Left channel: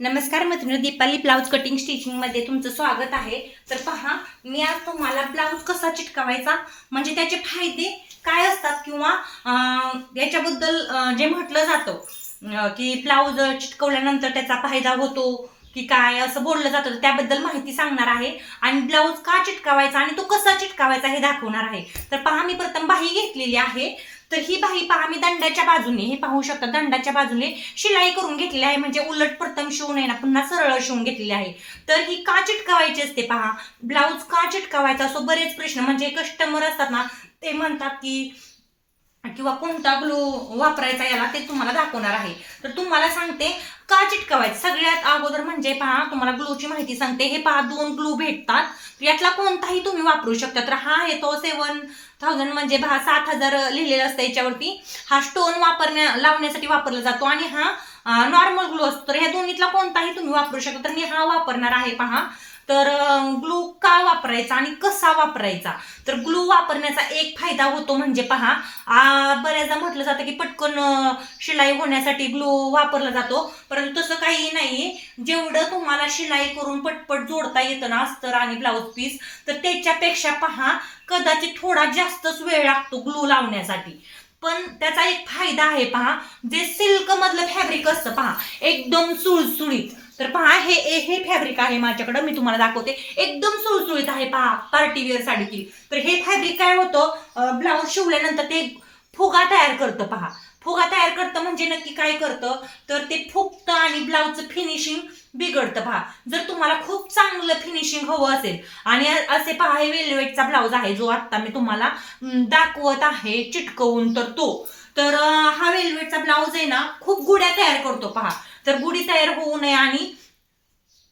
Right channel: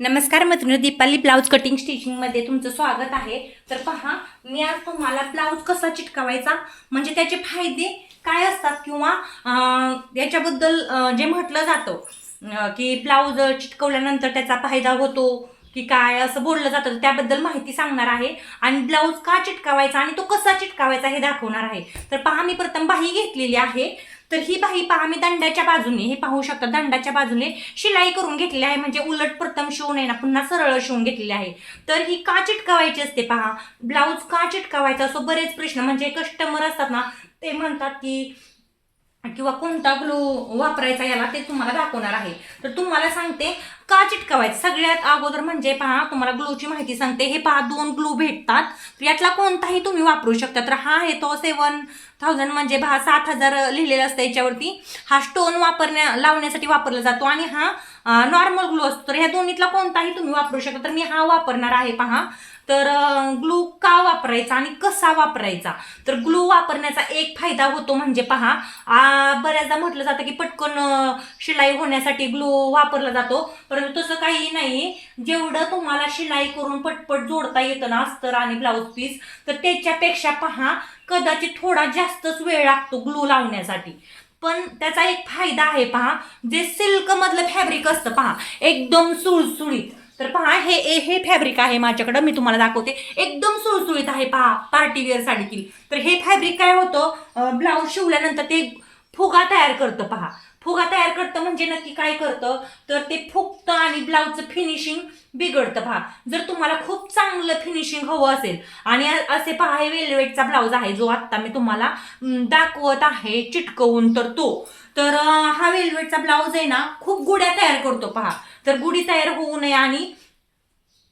नमस्कार मैत्रिणी, Deepali blouse cutting स्टिचिंगमध्ये तुमचं स्वागत आहे. तर पहा, मी आज तुम्हाला ब्लाऊज कसा चिटकावायचा म्हणजे त्याचे फायदे काय असतात किंवा याच्याबद्दल जे म्हटलं जातं की ब्लाऊज चिटकवल्यानंतर त्याचा फायदा होतो की काय असं बोललं जातं, त्याबद्दल माहिती सांगणार आहे. आणि ब्लाऊज का चिटकावायचा आणि तो कसा चिटकावायचा हे दाखवणार आहे. तर पहा, मी प्रथम बाही घेतलेली आहे. तर ही बाही पहा, मी दंडाच्या बाजूने, हे पाहू शकता, दंडाच्या बाजूने शिलाई करून घेतलेली आहे. म्हणजे उलट प्रथम शिवून आहे ना, पुन्हा सरळ शिवून घेतलेली आहे. तर ही का चिटकावायची असते पहा, ब्लाऊज का चिटकावायचा असो बरेच प्रश्न, म्हणजे कस्टमर असतात ना, ते म्हणतात की किंवा कोणता ग्लू वापरायचा याला, ते तुम्हाला दाखवणार आहे. तर तुम्हाला सांगते का चिटकावायचं. सगळ्यात अगोदर म्हणजे पहा, तुम्हाला ग्लूची माहिती सांगते. हे पहा, 2 ग्लू भेटतात. यातला कोणताही तुम्ही वापरू शकता. तर हा आहे तो 7000 म्हणजे 7000 लिहिलेलं असतं याच्यावरती. हा स्टोन लावण्यासाठी वापरला जातो आणि हा नॉर्मल ग्लू असतो. तर ह्या दोन्हीतला कोणताही तुम्ही वापरू शकता. तर मी हा वापरणार आहे पहा. तर ग्लू का वापरायचा आणि कसा वापरायचा. तर ग्लू वापरण्याचा एक फायदा होतो म्हणजे पहा, बऱ्याचदा म्हटलं जातं की पटकन शिलाई होण्यासाठी ग्लू वापरला जातो, परंतु तसं काही नाही. जेवढं तुम्हाला शिलाई करून पटपट जोडता येतं ना अस्तर आणि ब्लाऊज पीस, तर त्याच्यापेक्षा पहा कदाचित थोडा जास्तच वेळ लागतो ग्लू लावण्यासाठी. पण त्याचा एक फायदा आहे पहा, जे सिल्क मधलं फॅब्रिक असतं पहा, एकदम सुळसुळीत. तर पहा, हे फॅब्रिक आहे माझ्याकडं, मी तुम्हाला दाखवते. एकदम सुळसुळीत आहे पहा, पार्टीवेअर साडी. तर हे फॅब्रिक काय होतं, ब्लाऊज शिवल्यानंतर ते फुगा तयार करतं पहा. फुगा तयार करतं म्हणजे नक्की काय करतं, तर ते फुगतं आणि ब्लाऊजचं फिनिशिंग बिघडतं पहा. जर तुम्हाला खूप चांगलं फिनिशिंग हवं असेल, आणि असे पहा, हे वेल्वेटचा ब्लाऊज आहे जो आत्ता मी तुम्हाला दाखवत आहे चिटकवून. तर हा वेल्वेटचा ब्लाऊज आहे ना, खूप गुड्या तयार करतो पहा. तर गुढी तयार होऊ नये आणि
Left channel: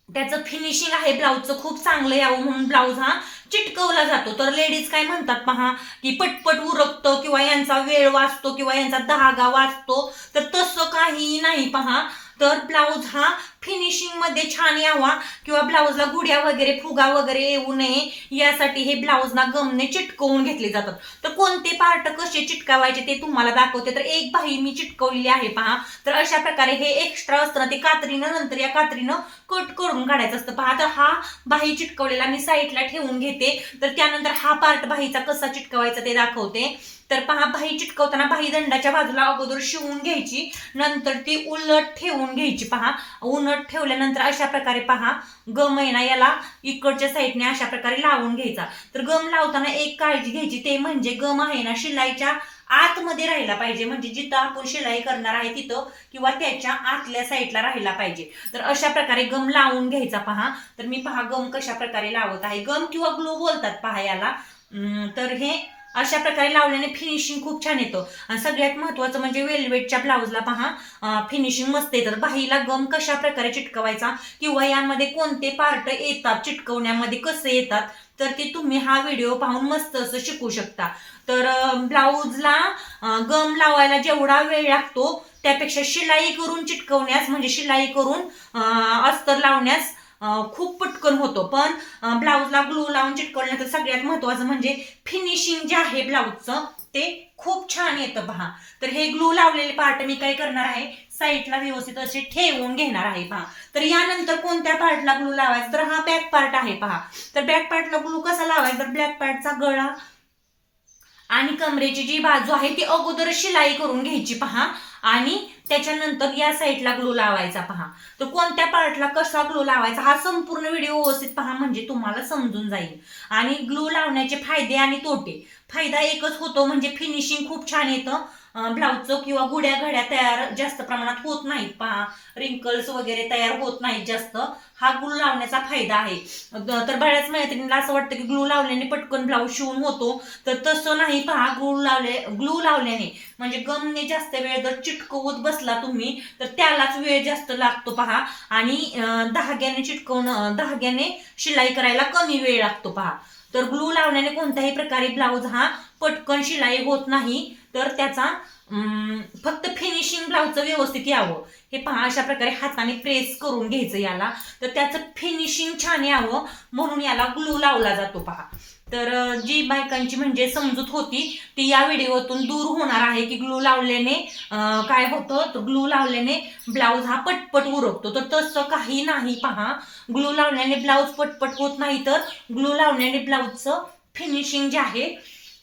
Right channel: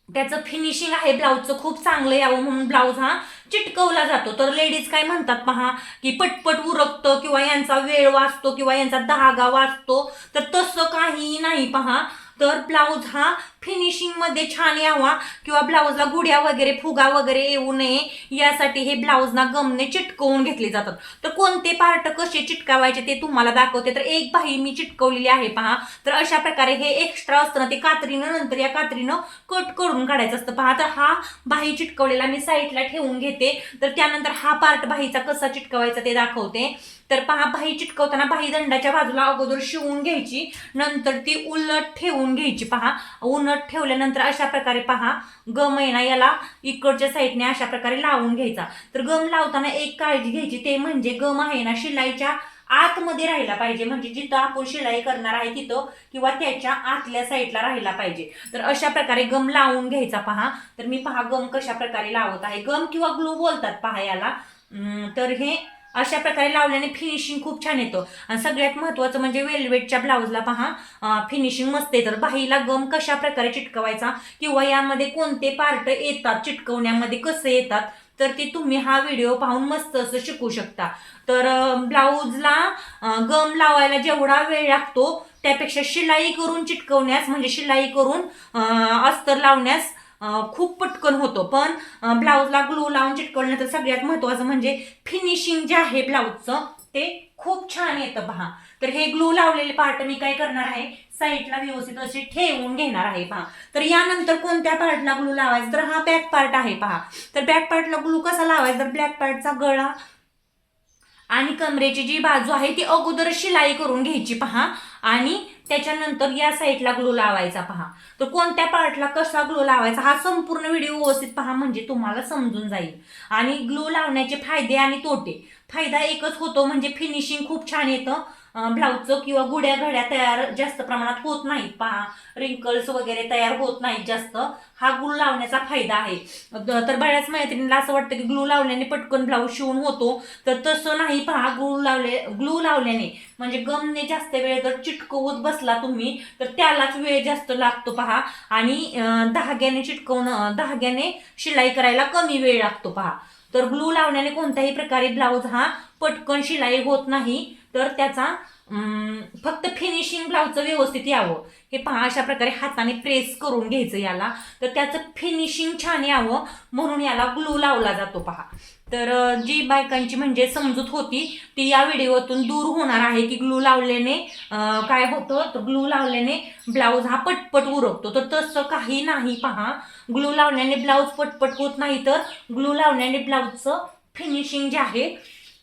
त्याचं फिनिशिंग आहे ब्लाऊजचं खूप चांगलं यावं म्हणून ब्लाऊज हा चिटकवला जातो. तर लेडीज काय म्हणतात पहा, की पटपट उरकतं किंवा यांचा वेळ वाचतो किंवा यांचा धागा वाचतो. तर तसं काही नाही पहा. तर ब्लाऊज हा फिनिशिंग मध्ये छान यावा किंवा ब्लाऊजला गुड्या वगैरे फुगा वगैरे येऊ नये यासाठी हे ब्लाऊजना गमने चिटकवून घेतले जातात. तर कोणते पार्ट कसे चिटकावायचे ते तुम्हाला दाखवते. तर एक बाही मी चिटकवलेली आहे पहा. तर अशा प्रकारे हे एक्स्ट्रा असतं ना, ते कात्रीनं नंतर या कात्रीनं कट करून काढायचं असतं पहा. तर हा बाही चिटकवलेला मी साईडला ठेवून घेते. तर त्यानंतर हा पार्ट बाहीचा कसा चिटकवायचा ते दाखवते. तर पहा, बाही चिटकवताना बाही दंडाच्या बाजूला अगोदर शिवून घ्यायची, नंतर ती उलट ठेवून घ्यायची पहा. उलट ठेवल्यानंतर अशा प्रकारे पहा, गम आहे ना, याला इकडच्या साईडने अशा प्रकारे लावून घ्यायचा. तर गम लावताना एक काळजी घ्यायची, ते म्हणजे गम आहे ना शिलाईच्या आतमध्ये राहिला पाहिजे. म्हणजे जिथं आपण शिलाई करणार आहे तिथं किंवा त्याच्या आतल्या साईडला राहिला पाहिजे. तर अशा प्रकारे गम लावून घ्यायचा पहा. तर मी पहा गम कशा प्रकारे लावत आहे. गम किंवा ग्लू बोलतात पहा याला. तर हे अशा प्रकारे लावल्याने फिनिशिंग खूप छान येतं. आणि सगळ्यात महत्त्वाचं म्हणजे वेल्वेटच्या ब्लाऊजला पहा फिनिशिंग मस्त येतं. बाहीला गम कशा प्रकारे चिटकवायचा किंवा यामध्ये कोणते पार्ट येतात चिटकवण्यामध्ये कसे येतात, तर ते तुम्ही हा व्हिडिओ पाहून मस्त असं शिकू शकता. तर ब्लाऊजला गम लावायला जेवढा वेळ लागतो त्यापेक्षा शिलाई करून चिटकवण्यास म्हणजे शिलाई करून अस्तर लावण्यास खूप पटकन होतं. पण ब्लाऊजला ग्लू लावून चिटकवल्यानंतर सगळ्यात महत्त्वाचं म्हणजे फिनिशिंग जे आहे ब्लाऊजचं ते खूप छान येतं पहा. तर हे ग्लू लावलेले पार्ट मी काय करणार आहे, साईडला व्यवस्थित असे ठेवून घेणार आहे पहा. तर यानंतर कोणत्या पार्टला ग्लू लावायचा, तर हा बॅक पार्ट आहे पहा. तर बॅक पार्टला ग्लू कसा लावायचा, तर ब्लॅक पार्टचा गळा आणि कमरेची जी बाजू आहे ती अगोदर शिलाई करून घ्यायची पहा. आणि त्याच्यानंतर या साईडला ग्लू लावायचा पहा. तर कोणत्या पार्टला कसा ग्लू लावायचा हा संपूर्ण व्हिडिओ व्यवस्थित पहा, म्हणजे तुम्हाला समजून जाईल. आणि ग्लू लावण्याचे फायदे आणि तोटे. फायदा एकच होतो म्हणजे फिनिशिंग खूप छान येतं ब्लाऊजचं किंवा गुड्या घड्या तयार जास्त प्रमाणात होत नाहीत पहा. रिंकल्स वगैरे तयार होत नाहीत जास्त. हा ग्लू लावण्याचा फायदा आहे. तर बऱ्याच मैत्रिणीला असं वाटतं की ग्लू लावल्याने पटकन ब्लाऊज शिवून होतो. तर तसं नाही पहा. ग्लू लावल्याने म्हणजे गमने जास्त वेळ जर चिटकवत बसला तुम्ही तर त्यालाच वेळ जास्त लागतो पहा. आणि धाग्याने शिलाई करायला कमी वेळ लागतो पहा. तर ग्लू लावण्याने कोणत्याही प्रकारे ब्लाऊज हा पटकन शिलाई होत नाही. तर त्याचा फक्त फिनिशिंग ब्लाऊजचं व्यवस्थित यावं हे पहा अशा प्रकारे हाताने प्रेस करून घ्यायचं याला, तर त्याचं फिनिशिंग छान यावं म्हणून याला ग्लू लावला जातो पहा. तर जी बायकांची म्हणजे समजूत होती ती या व्हिडिओतून दूर होणार आहे की ग्लू लावल्याने काय होतं, तर ग्लू लावल्याने ब्लाऊज हा पटपट उरकतो. तर तसं काही नाही पहा, ग्लू लावल्याने ब्लाऊज पटपट होत नाही, तर ग्लू लावल्याने ब्लाऊजचं फिनिशिंग जे आहे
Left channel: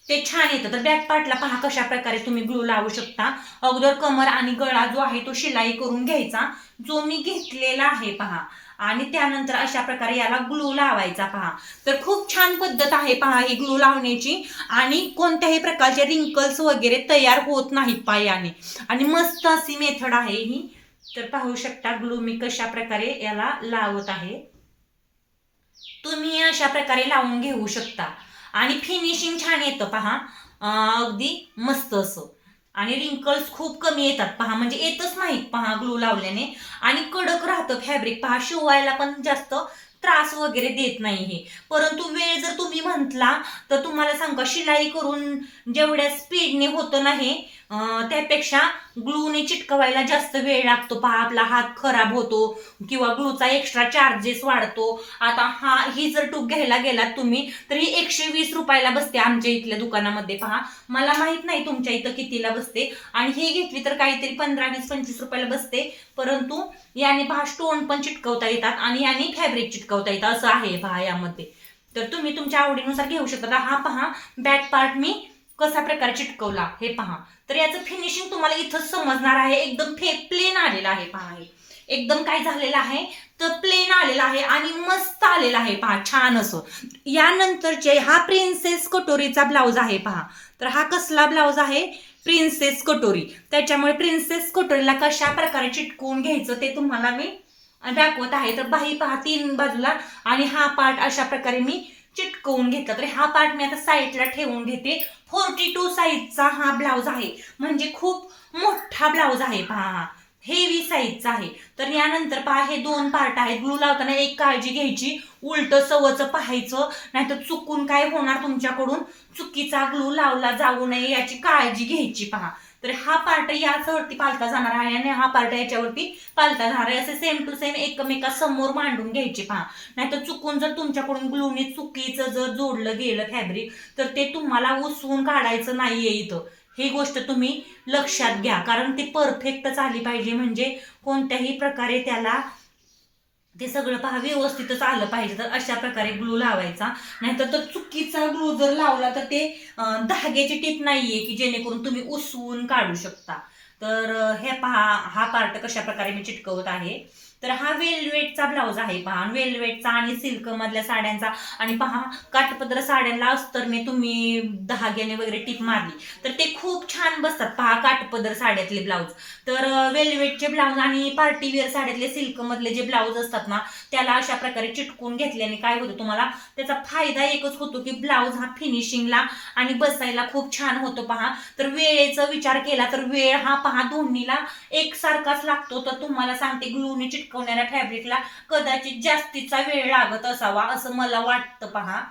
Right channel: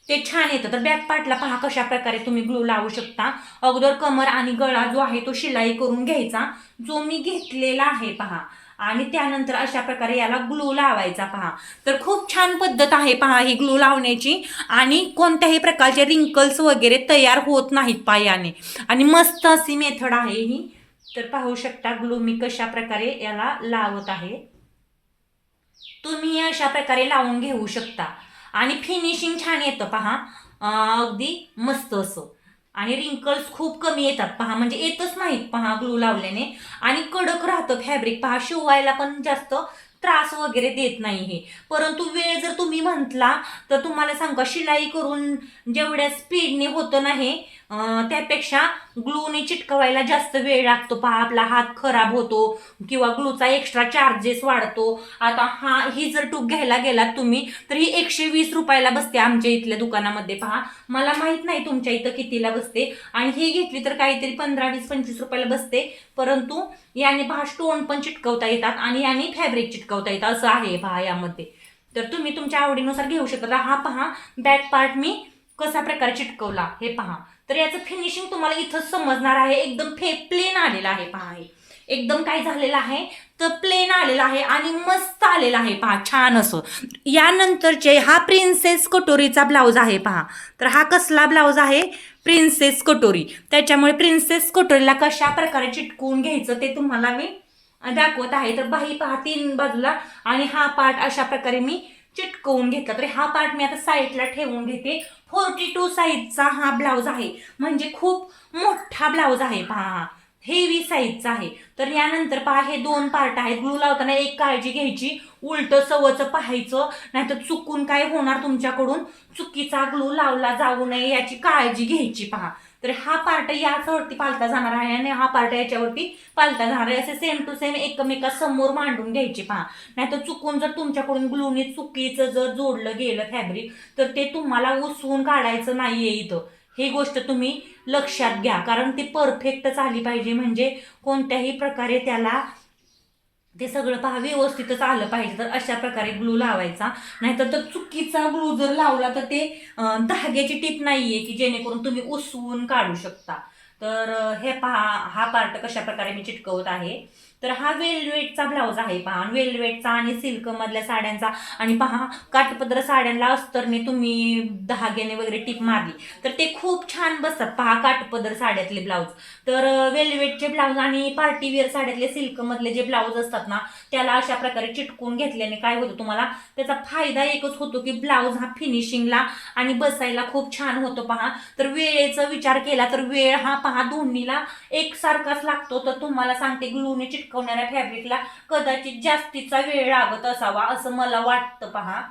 ते छान येतं. तर बॅक पार्टला पहा कशा प्रकारे तुम्ही ग्लू लावू शकता. अगोदर कमर आणि गळा जो आहे तो शिलाई करून घ्यायचा, जो मी घेतलेला आहे पहा, आणि त्यानंतर अशा प्रकारे याला ग्लू लावायचा पहा. तर खूप छान पद्धत आहे पहा ही ग्लू लावण्याची, आणि कोणत्याही प्रकारचे रिंकल्स वगैरे तयार होत नाहीत पायाने, आणि मस्त अशी मेथड आहे ही. तर पाहू शकता ग्लू मी कशा प्रकारे याला लावत आहे. तुम्ही अशा प्रकारे लावून घेऊ शकता आणि फिनिशिंग छान येतं पहा, अगदी मस्त असं. आणि रिंकल्स खूप कमी येतात पहा, म्हणजे येतच नाहीत पहा ग्लू लावल्याने, आणि कडक राहतं फॅब्रिक पहा, शिवायला पण जास्त त्रास वगैरे देत नाही हे. परंतु वेळ जर तुम्ही म्हटला तर तुम्हाला सांगा, शिलाई करून जेवढ्या स्पीडने होतं नाही त्यापेक्षा ग्लूने चिटकवायला जास्त वेळ लागतो पहा. आपला हात खराब होतो किंवा ग्लूचा एक्स्ट्रा चार्जेस वाढतो. आता ही जर टूक घ्यायला गेलात तुम्ही तर ही 120 रुपयाला बसते आमच्या इथल्या दुकानामध्ये पहा. मला माहित नाही तुमच्या इथं कितीला बसते, आणि ही घेतली तर काहीतरी 15, 20, 25 रुपयाला बसते. परंतु याने पहा स्टोन पण चिटकवता येतात आणि याने फॅब्रिक चिटकवता येतात असं आहे पहा यामध्ये. तर तुम्ही तुमच्या आवडीनुसार घेऊ शकता. हा पहा बॅक पार्ट मी कशा प्रकारे चिटकवला हे पहा. तर याचं फिनिशिंग तुम्हाला इथंच समजणार आहे. एकदम प्लेन आलेलं आहे पहा, हे एकदम काय झालेलं आहे तर प्लेन आलेलं आहे आणि मस्त आलेलं आहे पहा, छान असं. यानंतरचे हा प्रिन्सेस कटोरीचा ब्लाऊज आहे पहा. तर हा कसला ब्लाऊज आहे, प्रिन्सेस कटोरी. त्याच्यामुळे प्रिन्सेस कटोरीला कशा प्रकारे चिटकवून घ्यायचं ते तुम्हाला मी दाखवत आहे. तर बाही पहा 3 बाजूला, आणि हा पार्ट अशा प्रकारे मी चिटकवून घेतला. तर हा पार्ट मी आता साईडला ठेवून घेते. 42 साईजचा हा ब्लाऊज आहे, म्हणजे खूप मोठा ब्लाऊज आहे पहा, हेवी साईजचा आहे. तर यानंतर पहा हे 2 पार्ट आहेत. ग्लू लावताना एक काळजी घ्यायची, उलट सवचं पाहायचं, नाहीतर चुकून काय होणार तुमच्याकडून, चुकीचा ग्लू लावला जाऊ नये याची काळजी घ्यायची पहा. तर हा पार्ट याच्यावरती पालता जाणार आहे आणि हा पार्ट याच्यावरती पालता जाणार आहे, असे सेम टू सेम एकमेकासमोर मांडून घ्यायचे पहा. नाहीतर चुकून जर तुमच्याकडून ग्लूने चुकीचं जर जोडलं गेलं फॅब्रिक तर ते तुम्हाला उसवून काढायचं नाहीये इथं. ही गोष्ट तुम्ही लक्षात घ्या, कारण ती परफेक्टच आली पाहिजे, म्हणजे कोणत्याही प्रकारे त्याला ते सगळं पहा व्यवस्थितच आलं पाहिजे. तर अशा प्रकारे ग्लू लावायचा, नाहीतर तर चुकीचा ग्लू जर लावला तर ते धाग्याची टीप नाहीये की जेणेकरून तुम्ही उसवून काढू शकता. तर हे पहा हा पार्ट कशा प्रकारे मी चिटकवत आहे. तर हा वेलवेटचा ब्लाऊज आहे पहा, वेलवेटचा आणि सिल्क मधल्या साड्यांचा. आणि पहा काठपदर साड्यांना अस्तरने तुम्ही धाग्याने वगैरे टीप मारली तर ते खूप छान बसतात पहा काठपदर साड्यातले ब्लाऊज. तर वेलवेटचे ब्लाऊज आणि पार्टीवेअर साड्यातले सिल्क मधले जे ब्लाऊज असतात ना त्याला अशा प्रकारे चिटकून घेतल्याने काय होतं, तुम्हाला त्याचा फायदा एकच होतो की ब्लाऊज हा फिनिशिंगला आणि बसायला खूप छान होतो पहा. तर वेळेचा विचार केला तर वेळ हा पहा दोन्हीला एकसारखाच लागतो. तर तुम्हाला सांगते ग्लूने चिटकवणाऱ्या फॅब्रिकला कदाचित जास्तीचा वेळ लागत असावा असं मला वाटतं पहा.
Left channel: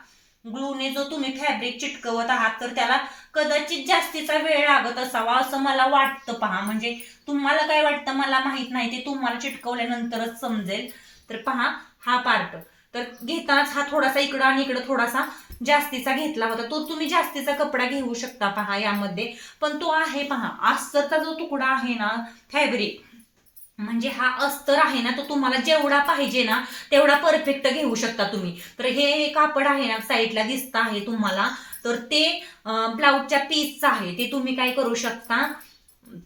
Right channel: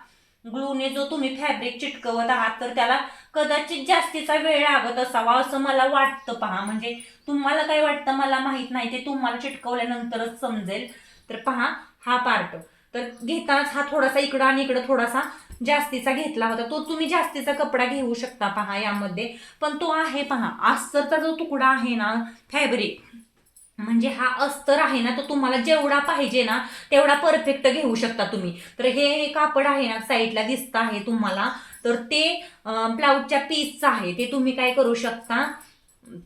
ग्लूने जो तुम्ही फॅब्रिक चिटकवत आहात तर त्याला कदाचित जास्तीचा वेळ लागत असावा असं मला वाटतं पहा. म्हणजे तुम्हाला काय वाटतं मला माहित नाही, ते तुम्हाला चिटकवल्यानंतरच समजेल. तर पहा हा पार्ट तर घेताच हा थोडासा इकडं आणि इकडं थोडासा जास्तीचा घेतला होता, तो तुम्ही जास्तीचा कपडा घेऊ शकता पहा यामध्ये. पण तो आहे पहा अस्तरचा जो तुकडा आहे ना फॅब्रिक, म्हणजे हा अस्तर आहे ना तो तुम्हाला जेवढा पाहिजे ना तेवढा परफेक्ट घेऊ शकता तुम्ही. तर हे कापड आहे ना साईडला दिसतं आहे तुम्हाला, तर ते ब्लाऊजच्या पीसचं आहे. ते तुम्ही काय करू शकता,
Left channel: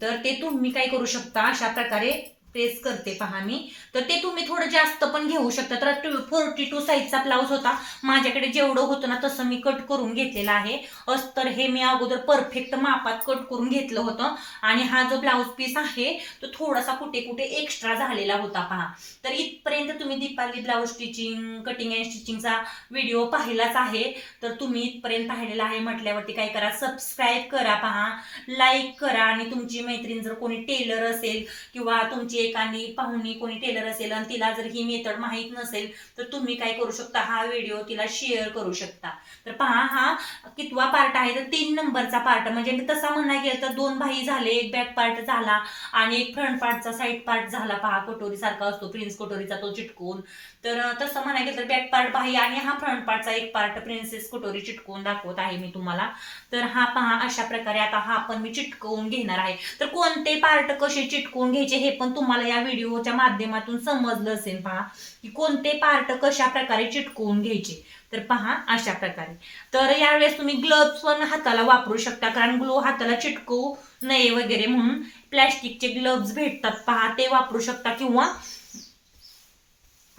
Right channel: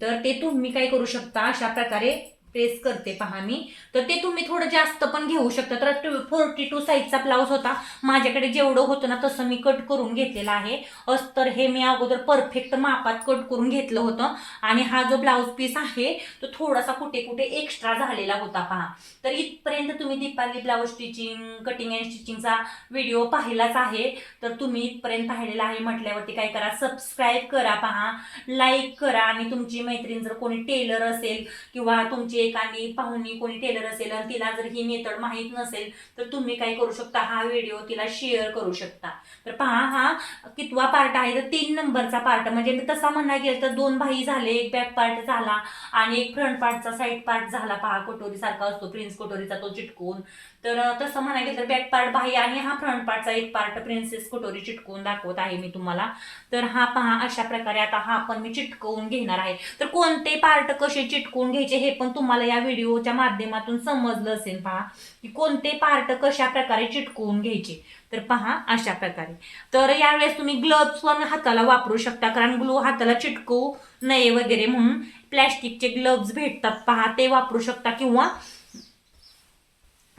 तर ते तुम्ही काय करू शकता अशा प्रकारे प्रेस करते पहा मी. तर ते तुम्ही थोडं जास्त पण घेऊ शकता. तर 42 साईजचा ब्लाऊज होता माझ्याकडे, जेवढं होतं ना तसं मी कट करून घेतलेलं आहे. अस्तर हे मी अगोदर परफेक्ट मापात कट करून घेतलं होतं, आणि हा जो ब्लाऊज पीस आहे तो थोडासा कुठे कुठे एक्स्ट्रा झालेला होता पहा. तर इथपर्यंत तुम्ही Deepali blouse stitching cutting and स्टिचिंगचा व्हिडिओ पाहिलाच आहे. तर तुम्ही इथपर्यंत पाहिलेला आहे म्हटल्यावरती काय करा, सबस्क्राईब करा पहा, लाईक करा, आणि तुमची मैत्रीण जर कोणी टेलर असेल किंवा तुमची एखादी पाहुणी कोणी टेलर असेल आणि तिला जर ही मेथड माहीत नसेल तर तुम्ही काय करू शकता, हा व्हिडिओ तिला शेअर करू शकता. तर पहा हा कितवा पार्ट आहे, तर 3 नंबरचा पार्ट. म्हणजे मी तसा म्हणायला गेलं तर 2 बाही झाले, एक बॅक पार्ट झाला आणि एक फ्रंट पार्टचा साईड पार्ट झाला. पहा कटोरी सारखा असतो प्रिन्स कटोरीचा तो चिटकून. तर तसं म्हणायला गेलं तर बॅक पार्ट बाही आणि हा फ्रंट पार्टचा एक पार्ट प्रिन्सेस कटोरी चिटकवून दाखवत आहे मी तुम्हाला. तर हा पहा अशा प्रकारे आता हा पण मी चिटकवून घेणार आहे. तर कोणते पार्ट कसे चिटकवून घ्यायचे हे पण तुम्हाला या व्हिडिओच्या माध्यमातून समजलं असेल. पहा की कोणते पार्ट कशा प्रकारे चिटकवून घ्यायचे. तर पहा अशा प्रकारे. तर यावेळेस तुम्ही ग्लोव्स पण हाताला वापरू शकता, कारण ग्लो हाताला चिटकवू नये वगैरे म्हणून प्लॅस्टिकचे ग्लोव्स भेटतात पहा, ते वापरू शकता. किंवा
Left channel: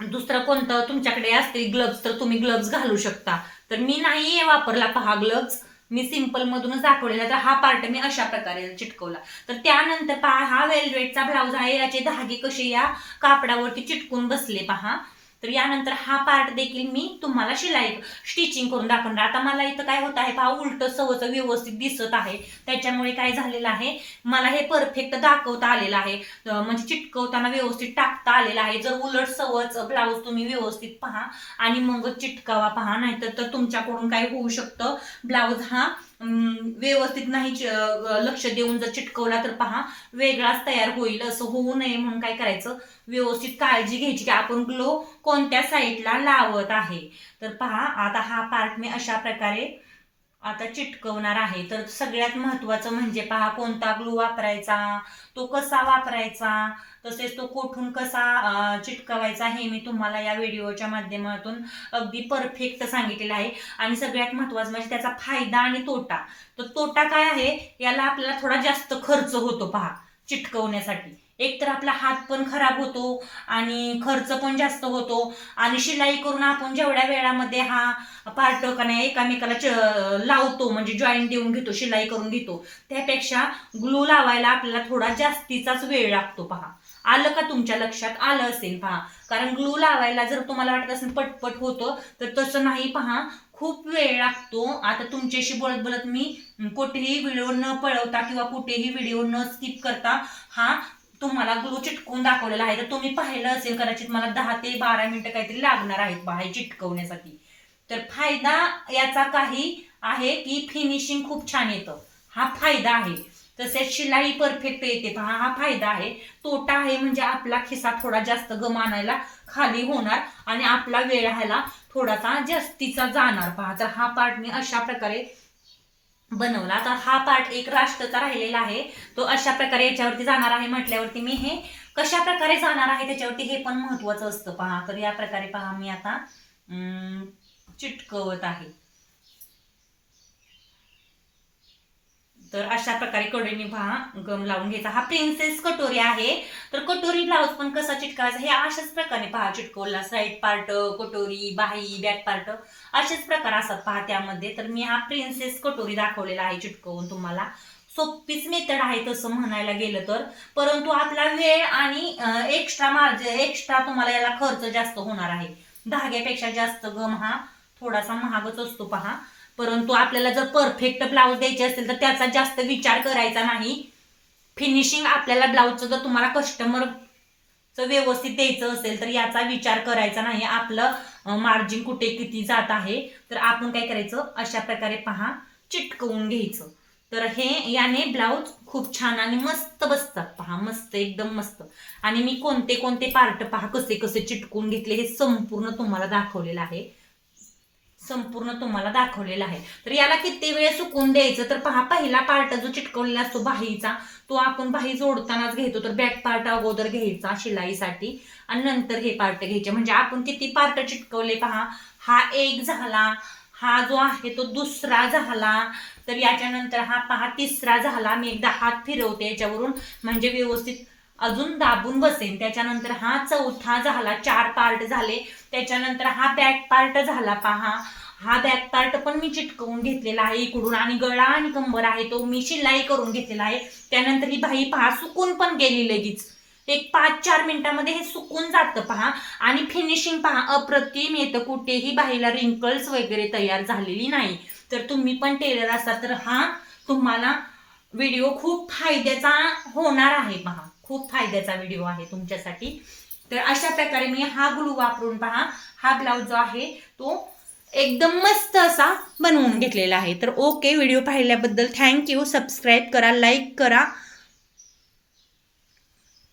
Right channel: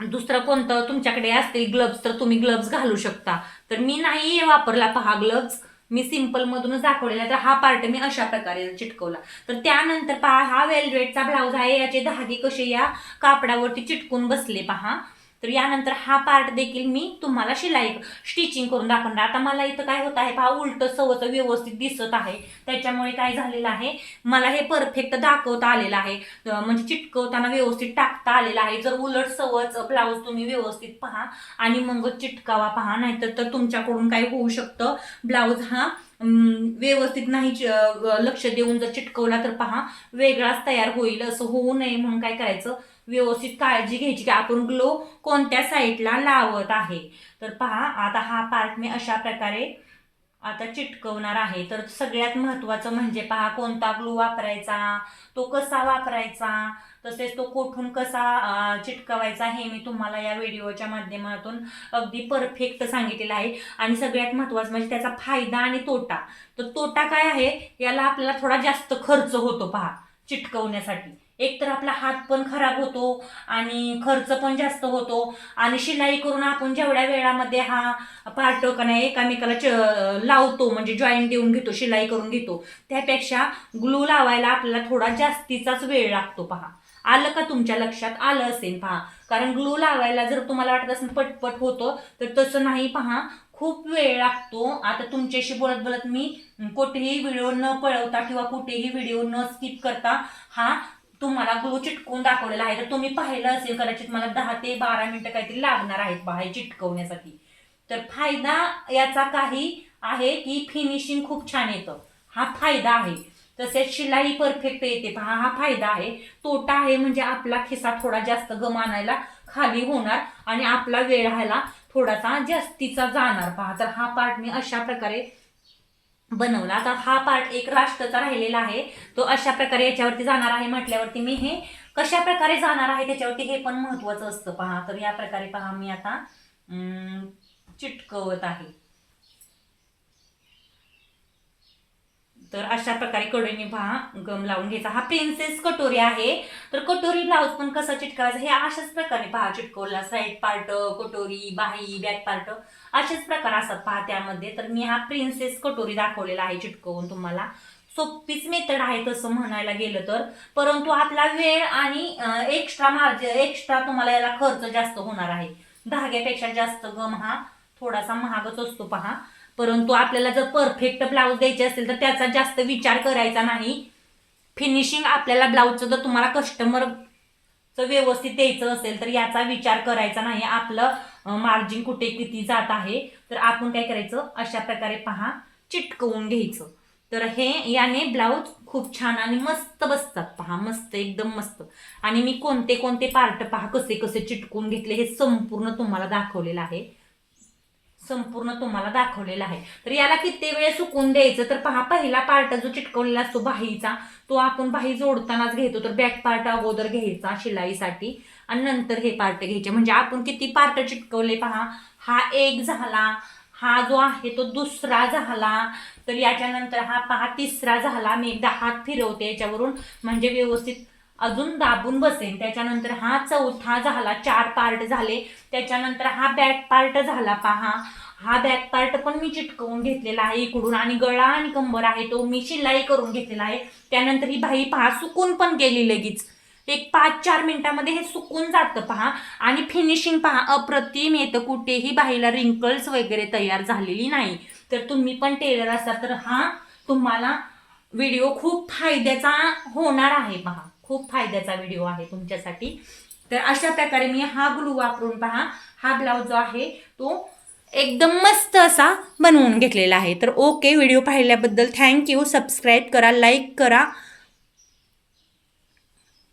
दुसरं कोणतं तुमच्याकडे असते ग्लोव्स तर तुम्ही ग्लोव्स घालू शकता. तर मी नाही वापरला पहा ग्लोव्स, मी सिंपल मधूनच दाखवलेला. तर हा पार्ट मी अशा प्रकारे चिटकवला. तर त्यानंतर पहा हा वेल्वेटचा ब्लाउज आहे, याचे धागे कसे या कापडावरती चिटकून बसले पहा. तर यानंतर हा पार्ट देखील मी तुम्हाला स्टिचिंग करून दाखवणार. आता मला इथं काय होत आहे पहा, उलट सवच व्यवस्थित दिसत आहे, त्याच्यामुळे काय झालेलं आहे, मला हे परफेक्ट दाखवता आलेलं आहे, म्हणजे चिटकवताना व्यवस्थित टाकता आलेलं आहे. जर उलट सवच ब्लाऊज तुम्ही व्यवस्थित पहा आणि मग चिटकावा पहा, नाहीतर तर तुमच्याकडून काय होऊ शकतं, ब्लाऊज हा व्यवस्थित नाही लक्ष देऊन जर चिटकवला तर पहा वेगळाच तयार होईल. असं होऊ नये म्हणून काय करायचं, व्यवस्थित काळजी घ्यायची की आपण ग्लो कोणत्या साईडला लावत आहे. तर पहा आता हा पार्ट मी अशा प्रकारे आता चिटकवणार आहे. तर सगळ्यात महत्त्वाचं म्हणजे पहा कोणता ग्लू वापरायचा, तो कसा वापरायचा, तसेच तो कोठून कसा चिटकवायचा हे मी तुम्हाला या व्हिडिओच्या माध्यमातून अगदी परफेक्ट सांगितलेलं आहे. आणि सगळ्यात महत्त्वाचं म्हणजे त्याचा फायदा आणि तोटा. तर तोटा काय आहे, याला आपल्याला थोडा जास्त खर्च होतो पहा चिटकवण्यासाठी. एक तर आपला हात पण खराब होतो आणि खर्च पण जास्त होतो. आणि शिलाई करून आपण जेवढ्या वेळामध्ये हा पार्ट का नाही एकामेकाला लावतो, म्हणजे जॉईंट देऊन घेतो, शिलाई करून घेतो, त्यापेक्षा ग्लू लावायला आपल्याला थोडा जास्तीचाच वेळ लागतो पहा. आलं का तुमच्या लक्षात आलं असेल पहा. कारण ग्लू लावायला जर तुम्हाला वाटत असेल पटपट होतं, तर तसं नाही पहा, खूप वेळ लागतो. आता तुमच्याशी बोलत बोलत मी कुठेही व्हिडिओ न पळवता किंवा कुठेही व्हिडिओ न स्किप करता हा तुम्हाला ग्लू चिटकवून दाखवलेला आहे. तर तुम्ही पाहिलं असेल कदाचित, मला 10 ते 12 मिनिटं काहीतरी लागणार आहेत पहा हे चिटकवण्यासाठी. तर फायदा याचा काही आहे की फिनिशिंग खूप छान येतं, हा फायदा आहे. तसेच शिलाई परफेक्ट येते पहा, हा फायदा आहे. तोटा आहे म्हणजे आपला खिसा थोडा जास्त गम आणायला खाली होणार आणि आपला वेळ ह्याला थोडासा जास्तीचा जाणार पहा. तर हा पार्ट मी अशा प्रकारे बनवला. तर हा पार्ट एक राष्ट्रचा राहिलेला आहे, तो अशा प्रकारे याच्यावरती जाणार आहे म्हटल्यावरती मी हे कशा प्रकारे जाणार आहे त्याच्यावरती हे पण महत्वाचं असतं पहा. तर या प्रकारे पहा मी आता चिटकवत आहे. तर अशा प्रकारे कडेने पहा गम लावून घ्यायचा. हा प्रिन्सेस कटोरी आहे. तर कटोरी ब्लाऊज पण कसा चिटकावायचा हे अशाच प्रकारे पहा चिटकवला. साईड पार्ट, कटोरी, बाही, बॅक पार्ट असेच प्रकार असतात पहा त्यामध्ये. तर मी हा प्रिन्सेस कटोरी दाखवलेला आहे चिटकवून तुम्हाला. सोपीच मेथड आहे तसं म्हणायला गेलं तर, परंतु आपला वेळ आणि एक्स्ट्रा तुम्हाला याला खर्च जास्त होणार आहे. धाग्यापेक्षा जास्त गम हा थोडासा महागच असतो पहा. परंतु आपल्याला जर परफेक्ट ब्लाऊज द्यायचे असेल तर त्याचा जास्त विचार करायचा नाही. फिनिशिंग आपल्याला ब्लाऊजचं जर तुम्हाला कस्टमरचं व्यवस्थित द्यायचं असेल तर याचा विचार करायचा नाही. आपलं मार्जिन कुठे किती जात आहे तर आपण काय करायचं, अशा प्रकारे पहा चिटकवून घ्यायचं. तर हे याने ब्लाऊज खूप छान आणि मस्त बसतात पहा, मस्त एकदम मस्त. आणि मी कोणते कोणते पार्ट पहा कसे कसे चिटकवून घेतले हे संपूर्ण तुम्हाला दाखवलेलं आहे, तर याला किती वेळ सुकून द्यायचं, तर पहा पहिला पार्ट जो चिटकवलेला असतो बाहीचा, तो आपण बाही जोडतानाच घेतो. तर बॅक पार्ट अगोदर घ्यायचा शिलाईसाठी आणि नंतर हे पार्ट घ्यायचे. म्हणजे आपण किती पार्ट चिटकवले पहा, हा एक झाला, हा जो आहे तो दुसरा झाला, तर याच्यानंतर हा पहा तिसरा झाला. मी एकदा हात फिरवते याच्यावरून म्हणजे व्यवस्थित अजून दाबून बसेल. त्याच्यानंतर हा चौथा झाला, 4 पार्ट झाले. त्याच्यानंतर हा बॅक पार्ट झाला पहा, हा बॅक पार्ट पण मी चिटकवून घेतलेला आहे इकडून. आणि गळा आणि कंबर आहे तो मी शिलाई करून घेतलेला आहे. त्यानंतर ही बाही पहा सुकून पण गेली लगेच, एक 5-4 मिनिटांमध्ये हे सुकून जातं पहा. आणि फिनिशिंग पहा अप्रतिम येतं, कुठेही बाहीला रिंकल्स वगैरे तयार झालेली नाही. तर तुम्ही पण टेलर असाल तर हा तुम्हाला व्हिडिओ खूप फायद्याचा होणार आहे पहा, खूप फायद्याचा व्हिडिओ आहे तुमच्यासाठी. तर अशा प्रकारे मी हा ग्लू वापरून पहा हा ब्लाऊज जो आहे तो एकदम मस्त असा बनवून घेतलेला आहे. तर ओके, व्हिडिओ पाहिल्याबद्दल थँक्यू. सबस्क्राईब करा, लाईक करा